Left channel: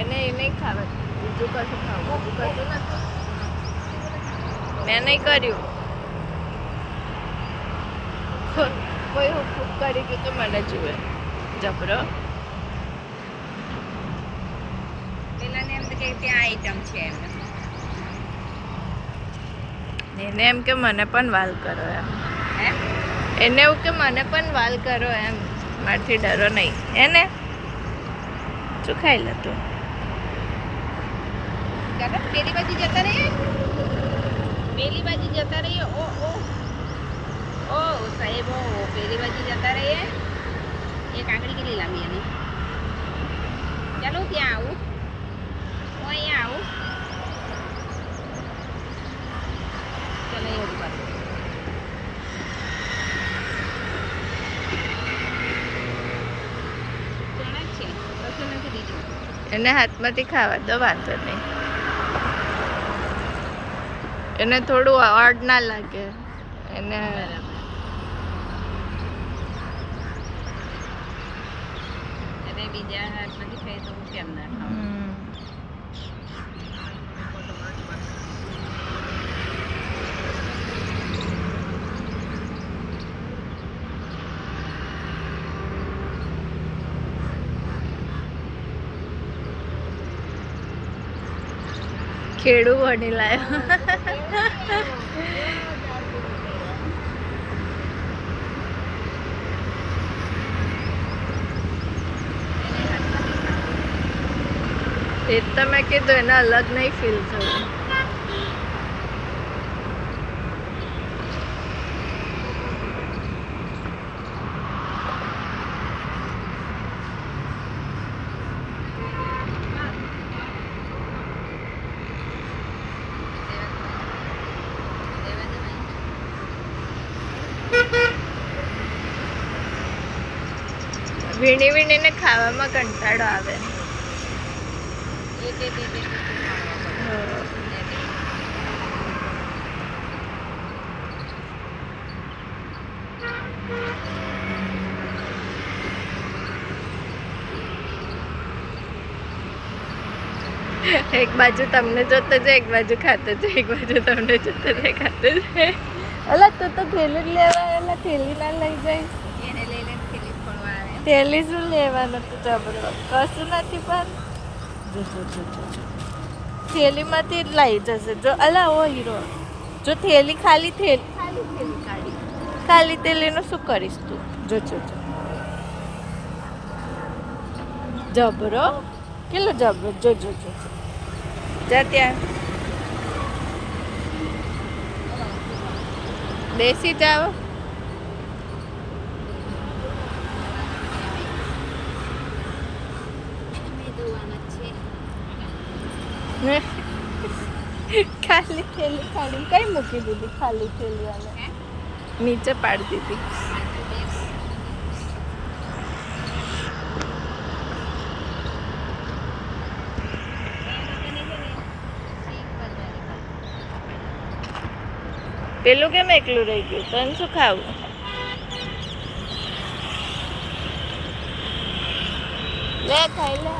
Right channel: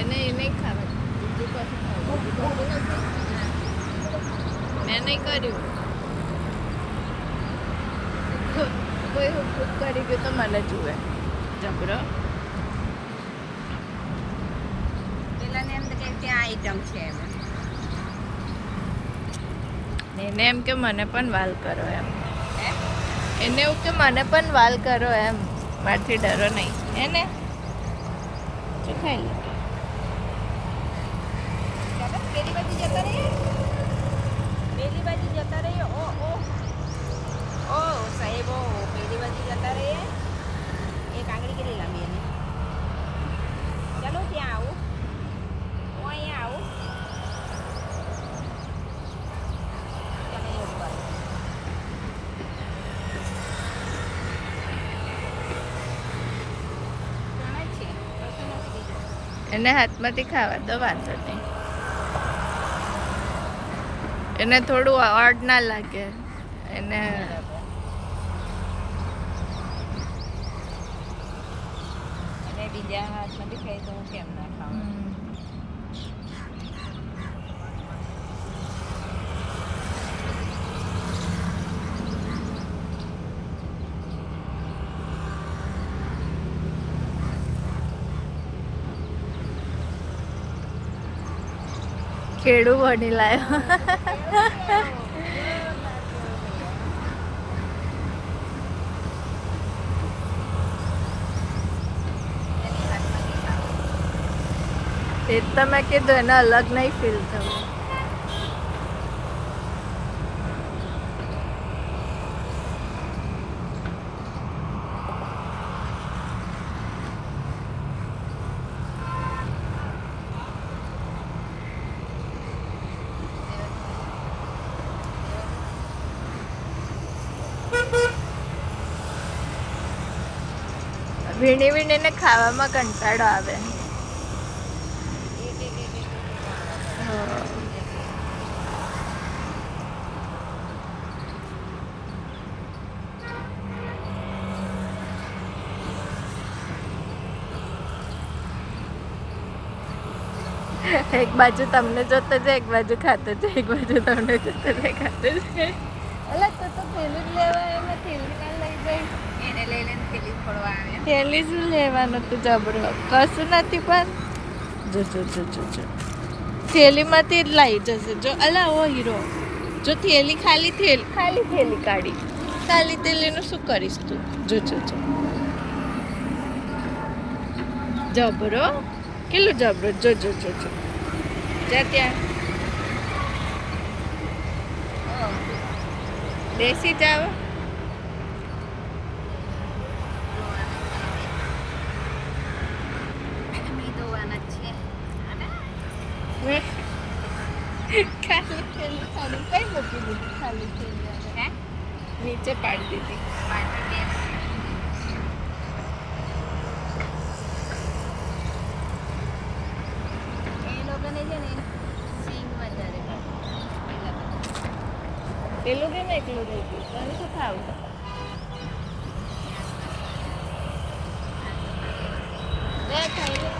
એને એ નહીં ખાવા, બીજું કશું ખાવું, બીજું કશું નથી. મેં નહીં કર્યું. કોઈ હુક કરી ગયું તો મને જુએ જબરો. પેલાને એમ કે ત્યાં આઈટમ છે એને એમ કે મને પણ વાલ કરો એમ. એને એવું કે મને પણ વાલ કરો એમ. મારથી ડરો નહીં એને. શું ખાઈ લે તું? પેલી બાજુ જતા રહીએ, પેલી બાજુ જતા રહીએ. ઓ સાહેબો, પેલી બાજુ જતા રહીએ. એક આંગળી કેટલી લાંબી એની. ચાલો ત્યાં આવું, હું અહીંયા આવું. ચાલો એ ઉપર તેના જ છે, કશું નથી બીજું. એને હાથમાંથી ખાવા દો, વાંધો નહીં. એને થોડું ઓડ ના લાગે એને. અને બીજા હાથમાંથી ખાઈ તો હું કેમ ના ખાઉં? ખેડૂ બની લાયો. એ તો મેં કીધું એને અલગ નહીં ફીલ થયું. વીણી વીણીને ખાવામાં કંટાળો આવે. એક બાજુ તમને જોતો જાય, એક બાજુ ખાતો જાય, એક બાજુ તમને જોતો જાય, ખાતો જાય. અલા તું તો થેલી જ લેવા એમાં થેલી ના લઈ જાય. એને લઈ લઈને થેલી ફોડવા આવે. થેલી શું લેવાનું તું જબરો? કશું નથી પણ જો જો જો જો જો થેલીમાંથી જ લાવી જશે. જો અલા ઓ હીરો, જો થેલી ખાલી થેલી કાઢી, ખાલી થેલીનું શું કરીશ તું? જો જો જો જબરો, કેટલો જબરો. જો જો જો જો જા ત્યાં બેસી જાવ. ખાલી થેલી ખાલી કઈ મૂકી દીધી? ખાલી થેલી અને નીચે પાડી દીધી. પેલું કેમ એકલું રહી ગયું? તને શું ખાવું? લે ખાઈ લે.